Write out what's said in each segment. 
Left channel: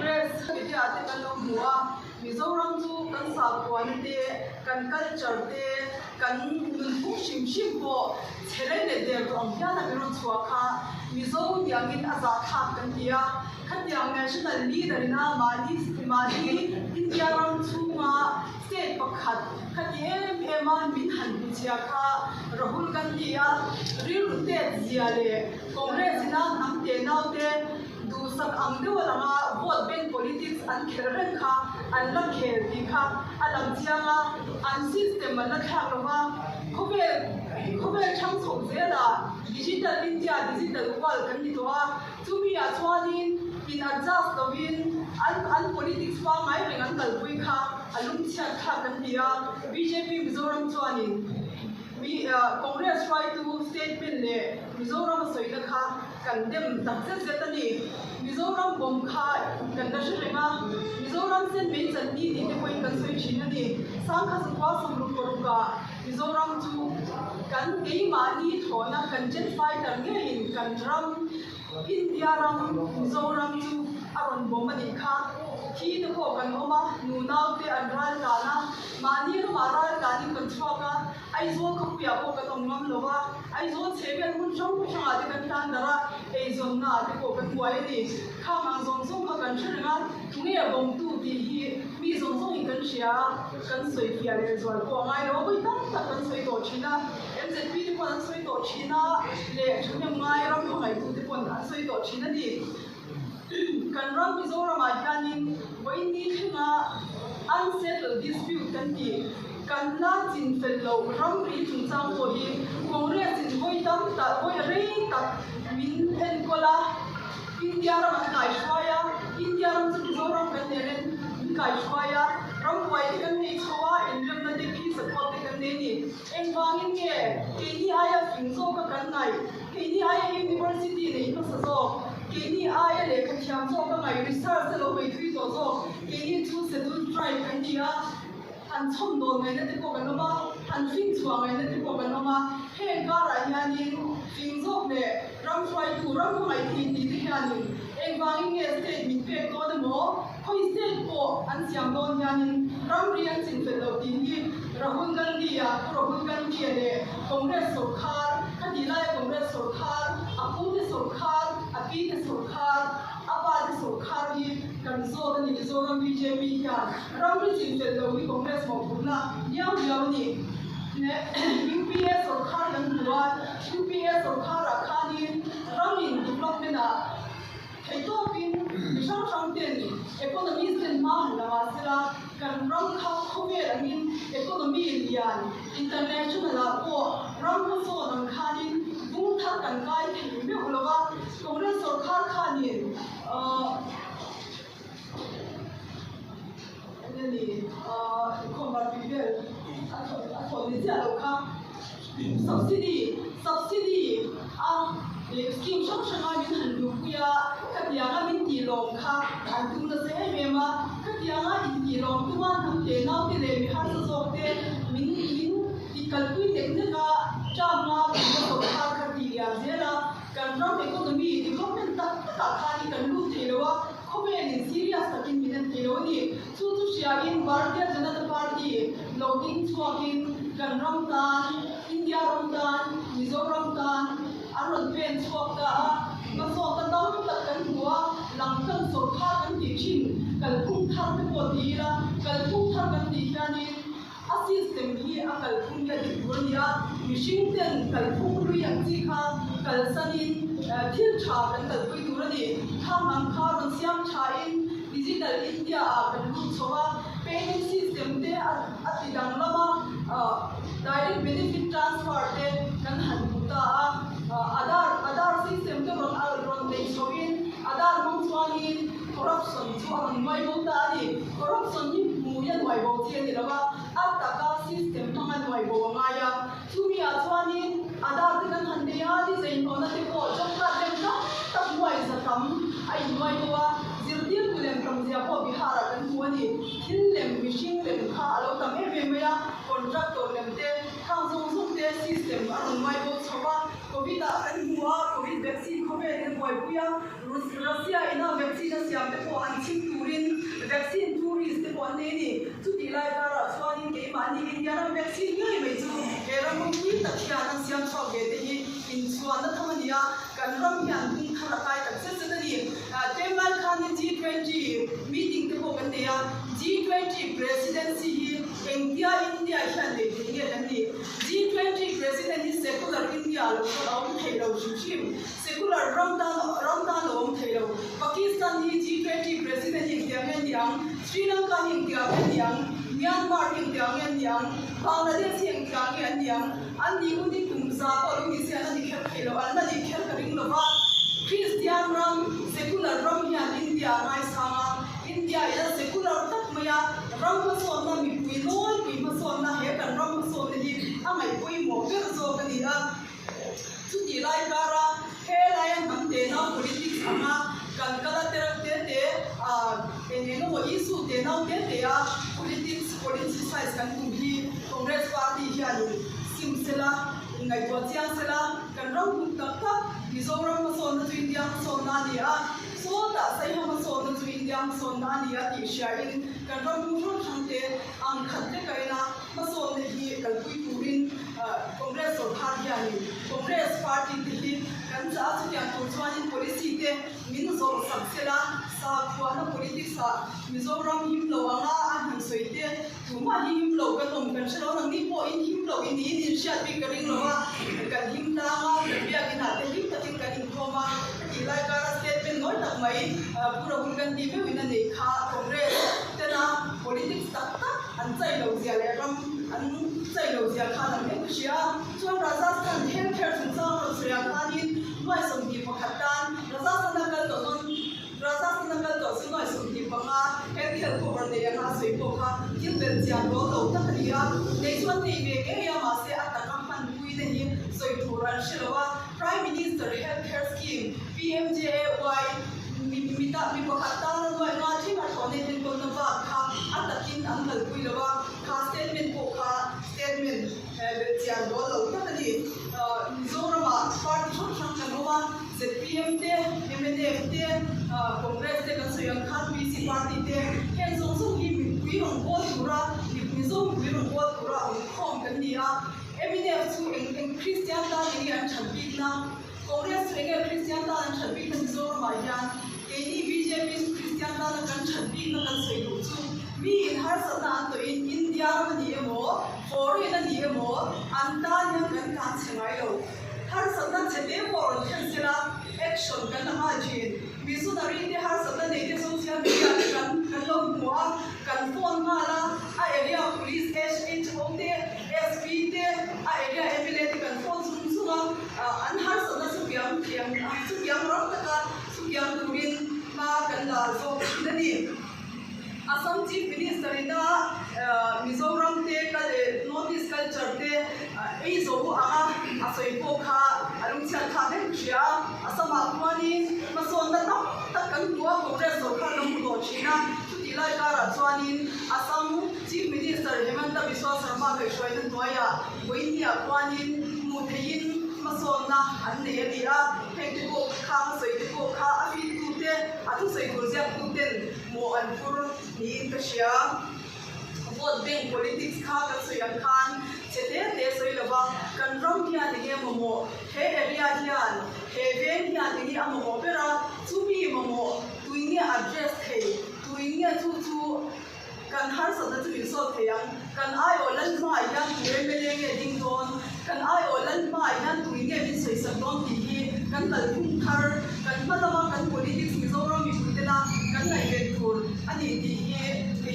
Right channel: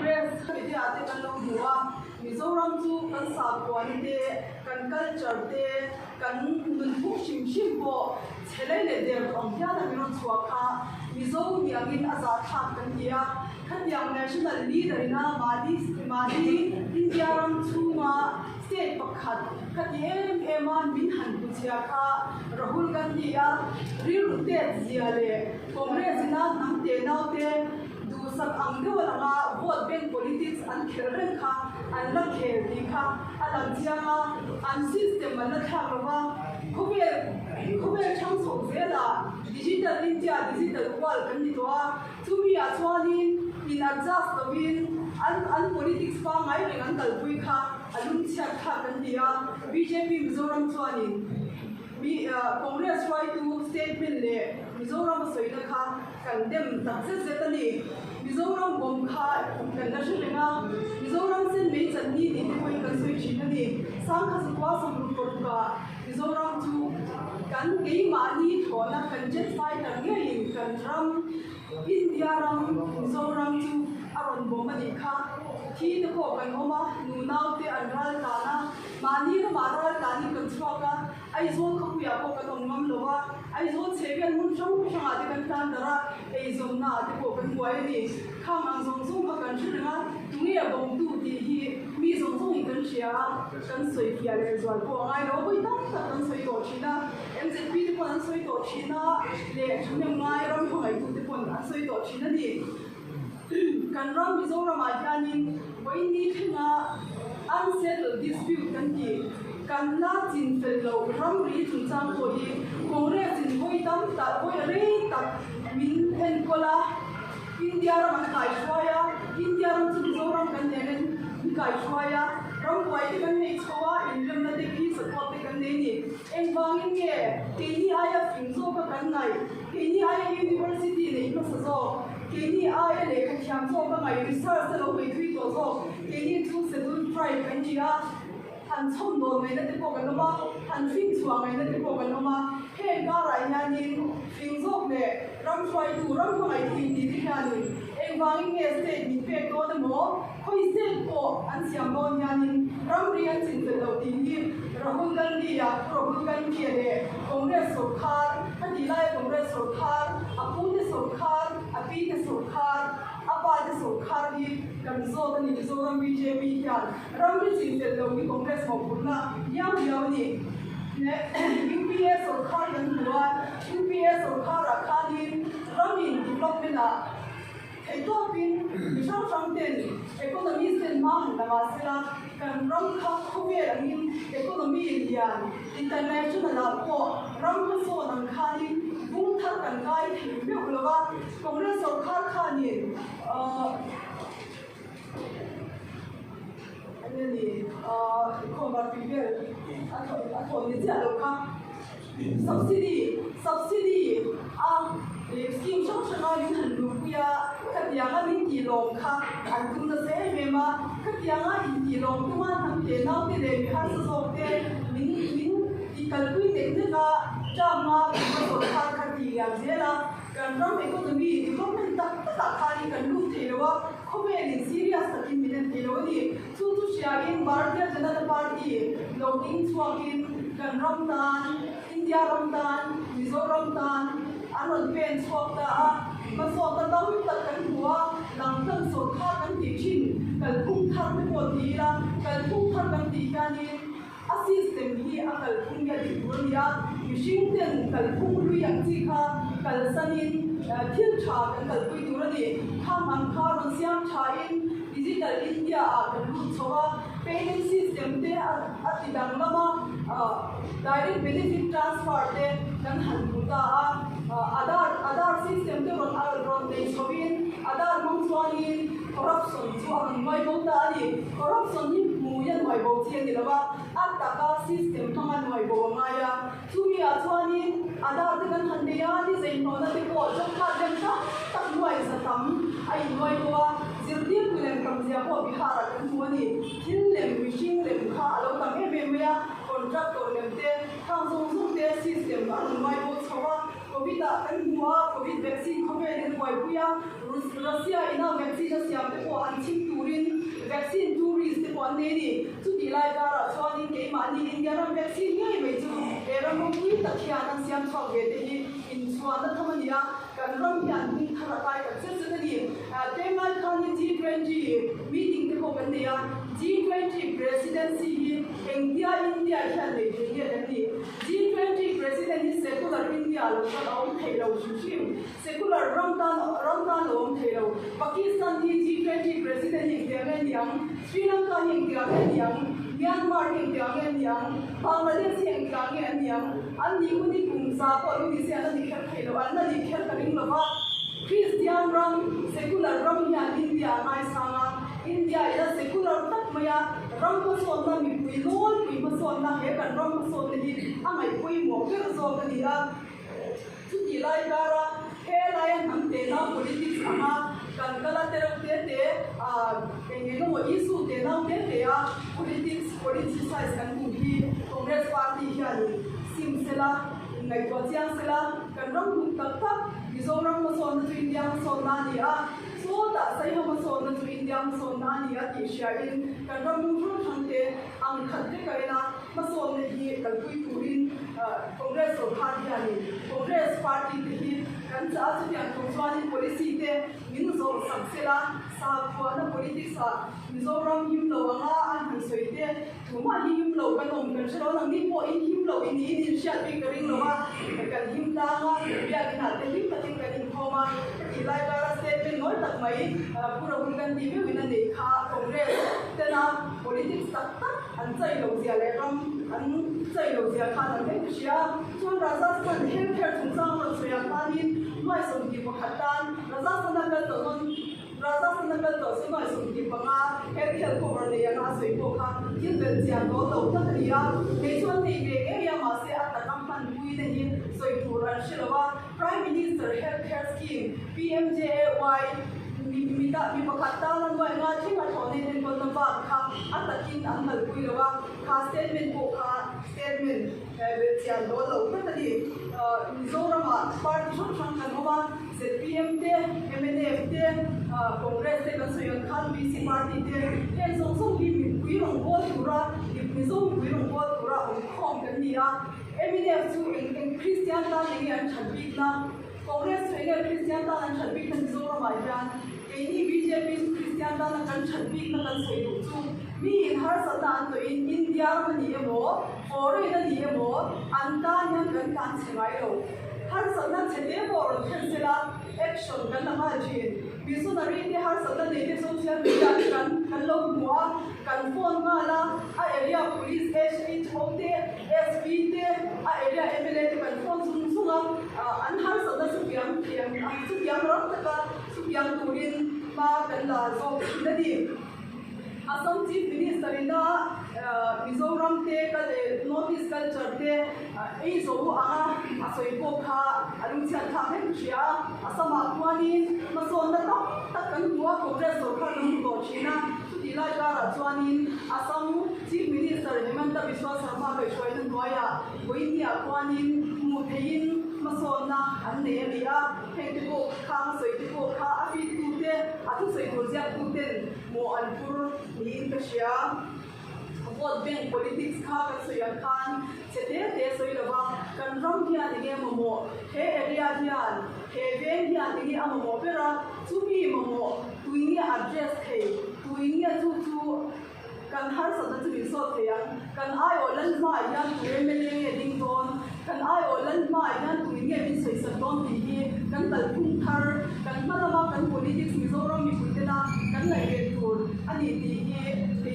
press cái ate kan lo mua Mizoram chu kan sa kwan te kan culture te kan nun pu shim shim ko chelai le de ong ya na miro chua kha Mizo yangin aza tha kan dia kan yang national leader na madi India ram chu ma state pakhat khatiem ema min han buchia kha Rahul Gandhi ya ril te zia le Congress na namte naute du sak amdu lama vote bank politics an kherren kha an la kher di kha alam chianga an system an la thak lova khobe chang so zela digital India digital world kan ni towa chumi a chwanin in adjust to win an politics pa mai rengan kalpui kha alum chha kha kan dia BJP Mizoram chwanin Congress try to statement le Mizoram soida kha condemn success zetani Mizoram bom kha kan da shringa Mizoram sen me channi ni te koi kan soi chinani sang kha sakwa som ru ko ka Mizoram chu kan dei mani thona kan jet fighter nge in kan ram India ram Mizoram chu aron bom ani kha thi te ko kan oma nu naw te anral ka na mani ro maral ka ni kan chwa ai zo kha ya ko ka tong ngam lowa ai zo chegan mun jong cha de kan tan dara ei zom na de ko kan wai ni kha mang zong zong ka kan chringa ni a bom tu ti hi mi zong zong kan sia kan soi pia le zo ko ngai ro bui ta kan soi to china MZP te ko an soi to china le chune ngai ram ko ngai tu te ko an soi to china ni kan ram Mizoram a hianin wai ni thinga unsettled dispute kan ti kan la chin fel lo ram ri chung chang ko hi Congress in voi tam ta voi re ta min en kola India ram kai shwaya India ram chu Mizoram kan ne kai shwaya ram wai kan nei chowa in ram na de ki support kan ne ni en wangin nge ke ni aya fingzo ka kan nai ke ni aya university nei ko sa so ke ni aya le ka thiam zo ka ngai research lo wei thui to zo ke ni chu se dun try kan dia han chom no mai na te ko kan ma han fin chuwa mai na te ko kan ma he ga ra ya ni fin zo le ram try tu ram ko mai tin ni ya ni en wang nge state min pe to de mo khoi se ko an siam don ya ni ram ri an chin fe lo tin ni Rahul Gandhi ya Rahul Gandhi le Congress sarkar hadi lai Congress sarkar apu de sarkar api de sarkar apa de sarkar ni kan zo kan ni zo ram BJP ya ram ri chin fe lo ni Congress mo purna yang ni ne UPA sarkar yang dua UPA sarkar rakhanin ramin development a ito pin misang samten economy sen ma na masila kan ram kha khobe angin economy indian international a ko ram so nan khanin bung thak kan kai thi me hlowa Congress sarkar khanin ani khomar people a ni ja lo kha subsidy scheme shop shanga min han lu ya katianga min ti lom kha an tu na se me ma katianga in ti lom tu ma tham te na te le mi har so te min ti kalpui te ne ga cha ma ko kha kha ti ya zela kan ram economy development ta kha ni kan lu te lo wa khobe ni serious takin min te lo ni chu sia in Bharatiya Janata Party loading chuakin kan ram tan India ram tan Mizoram tan aron pen chok ka ma so ta dam ta kan huwa lang kan so kha kan ti chin kal phung thar ko ti la kal phung thar kan ti yani a system hi a kal phung ya ti ya machine ten kal phung lu yang chi kha kal sanin thil tha kan kal pui tu ni kha man kha ron siam tha in digital India a kan lu chowa payment system te a ti dang lama direct benefit transfer te kan han ta Aadhaar system to ron they showin Aadhaar mong chuangin corruption chu an mai bo ta ni corruption ni mu yan mai bo thien ni lawa ataka system thang an mai bo nga ya chu mi a chuanin Aadhaar te kan han de ya ni zein no na te ko chak kha dem ta tak mai sa tam ai mai bo wa zirdir kulem from zia ko bihara kan chu ni thil lem machine lem kha alo ta me me ya contractor lem te khang zong zong te system an mai bo chawa COVID an huwa COVID vaccine khobe ni boy mai puya Russia ina vaccine siam te ko han chim turin vaccine tourist te ko ne ni chu ti lai ka ra chuan in ke ma ni India na vaccine ngai mai chu era mo ki ta khia na siam chho ge te hi in chuan na thamania kan ram hian tung thara tai tak se se ni te mal khan ni G20 meeting te ko kan ne ya G20 presidency hi India hian le te ni kan ni G20 president is secular India lo om thei lo shim secular Ramadan lo om thei lo Pakistan hi G20 president India ngan yang Sri Lanka India ngan yang Myanmar India ngan yang Bangladesh India ngan yang an ni uni kum sa ko lu ni se an ni khel thei lo an ni khel ka ring lo ba Christian ram secular ram hian India ngai sama India ila secular tak maya ram ko so na mi pui lol pui ma so na he kan ram ko so ni amai pui mo per so ka ni la chu ti lai kara he lai ham te na politics ama kan kala terap te enge no issue te na te a politicize kan tu hi Congress party hian simsela ngai to chiang sela kan ram ku tak tak Mizoram ma so na India ma so na ni a so da sai ha ma so na India ma so na ni a ti sha in kan ram mu thang te ang khat te kai na ma so ne hi kal pui turin Congress so thar hian Congress party te hi kan cha chu ya to chuan in policy te min zo sab sela sa khwa na politics a Mizoram him lo anga an han soi te thuma hi him lo kan om kan shalo nang ni po in him lo in ni in sha pi ka ring lo wa kan him da nga bia ki na te him ta tin kan in thoma ki lai ka ra statement noi tak mai pura hun kan ti me win na nei kha Congress te na politics tak tak an chai lo zia le ram an chai lo zia kha na me shia chuan Rajasthan healthcare thung sang ro sria khanin mai som ki pakhatan Rajasthan to so mai som ki panga healthcare cover de ya soi ko kha kin bel chian lo lo ta khria nei chuan nei ve ke ya ma se atakam pan pui ne hi soi thuran shilwa Prime Minister Healthcare Scheme PMJAY mi pakhatan na noi na thinga thone tin kon na ba kha atakin angal pui lo ba kha statement ko kha statement chian lo lo ta ni Mizoram party chon chang kan wa ZPM te MNF te Congress te kan soyan khan PC party te hen song song hi mi pui rong ko tura Mizoram pui rong ko tura khom kan ni a MNF chu in Christian ta ni an chabik na Congress chu in Christian ta an chabik na Mizoram ba yan ke BJP Christian ta kan chabik na kan soi lu chu mi in har sa na to in India ma ni mo foreign ni mo anta nyam kan kan chengai lo har sa na chete mo kan sela action kan na ma jin missionary te har sa na ne social media kan lo mo kan phone ma la a area police SHO te SP te a area MLA te kan phone sun sunga an har sa na su piang ram ta ka su piang turin ma kan la so na ni Assam Chief Minister in the Mizoram te Northeast culture te ei zo anga asoi ko kha alung chan kha ne chia Assam akwani ma son da ta kan tua Congress so kha nong ko china ti lai ka ra chuanin Assam Chief Minister Hemanta Biswa Sarma ke shoi na noya boinia kwanin mu thein ma son na an ne ni a he ko kha soi ko kha afi tu te atu soi ko zia tu ten mo an pur ni ka shia vote bank politics kha kan soyan khan chete te soi lawa kan ram kia ni ge mo he area hian he ven hian ni a mo pera chu mi mo tuini address the tuini chu kan har sa da chu so the yang kan ai olan ma yang tu me nge ding don kan ai olan ma yang tuini min soi sa don ti kan dal khum thar kan malawa kan politics mi zo ro mi putela kan nai ve tur ani ti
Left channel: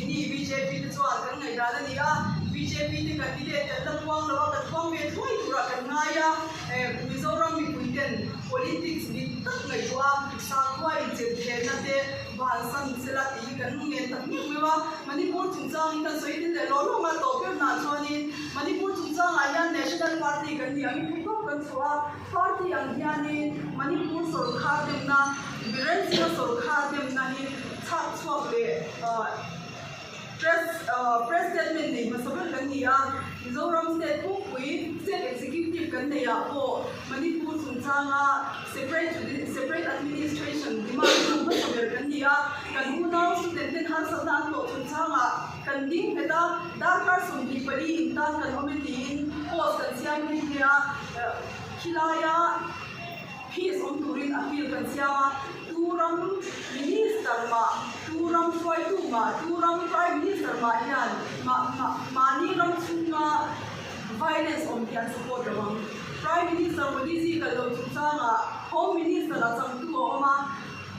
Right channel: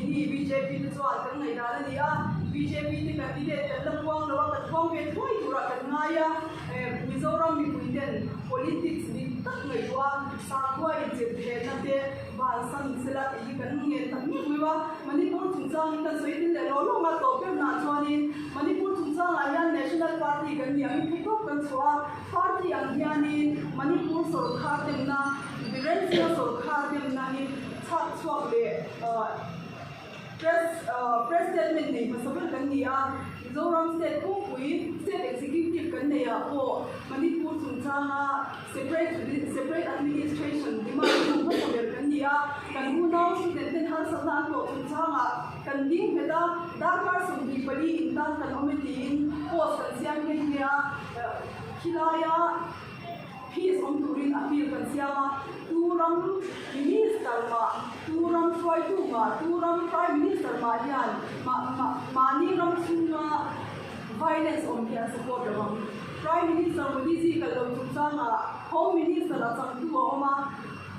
ni BJP te chuan kan ngai ra la dia BJP te kan ti le kan lamwang lo kan khom ve thoi tura kan ngaya Mizoram mi puiten politics ni tak ngai wa sa khoi je the na te ban san sela ti kan nge tak ni mewa Manipur chungchang kan soi tin le lo ma to pe na chuani Manipur chungchang ayan national party kan ni ami phito kan chua party ang hiani Manipur sarkar demna Biren Singh sarkar demna ni chak chuak le press statement ni masabel kan ni a Mizoram state ko pui state executive kan nei a po Manipur chungchanga separate administration demand ko saber kan dia kan una student ten har sabna ko chungchanga kan ding beta dakar sum di pari intan kan ometin post kan siam ni dia hilaya peace on turin appeal kan siama turam minister turam foi turam prime minister hian mani ram chunga violence on the support ram prime minister policy ka lo chunga home minister la chang tu oma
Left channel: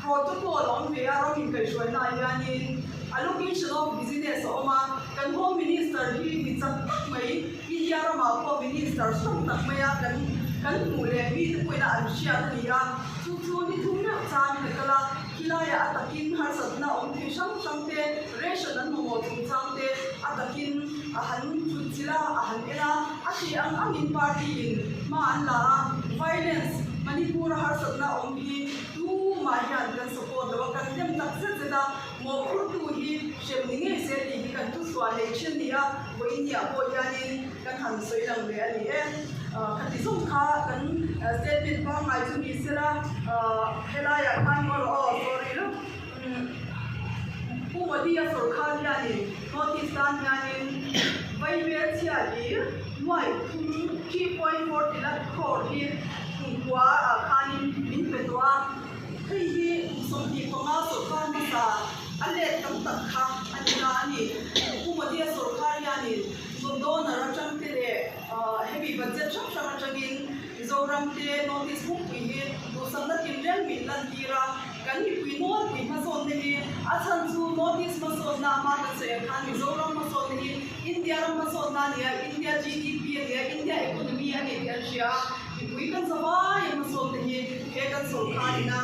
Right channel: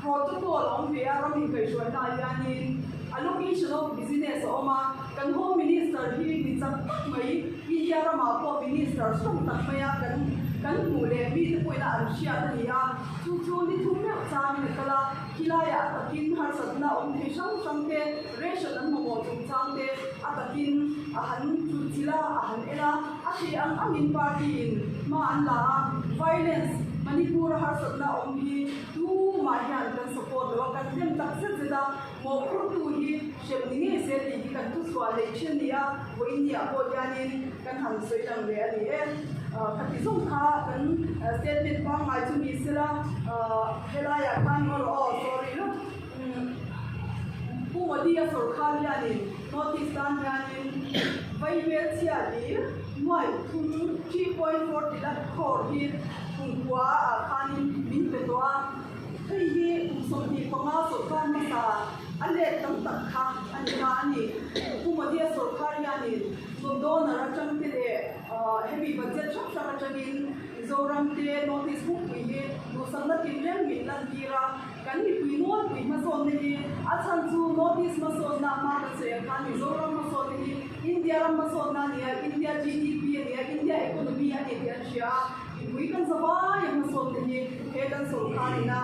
protocol on ve aram in kai shwai na yani allocation of business oma kan home minister hi ni chang mai india rama ko minister som tak maya kan mu le mi te poina an sia ni ya chu ni thum me chang ni kala hilaya atakin har satna on the sham te ration an mo chung chang te atakin ahan chu chila ahan era ati ang in party in ma an la violence Manipur har satna on hi tu ma hian kan support lo kan dem tak se da mo khur tu hi shem ni nge se ti kan tu swa election ni a wo india ko yanin kan han soi lang ve ani khati som kha kan statement ba mai chu mi sira helaya kan mo sorry lo pu wadi a sarkar yani notice kan yani vai ve chia li noi 3.4 lakh crore hi kwa khanin min petwa thei hi somti panga so kan ni sa ale tam tak kha anina ani pu wadi a sarkar yani so donor atang te heavy budget sham atangin zoram te notice book hi do samna timren min lan tira kan ni pui ma so ne achan chu notice ma so na ma ka se khan ni zoram ma so ne india ram ma so na ne india gdp ne india economy ani dia sia pui kan sawa ya ma so ne he kan so khan na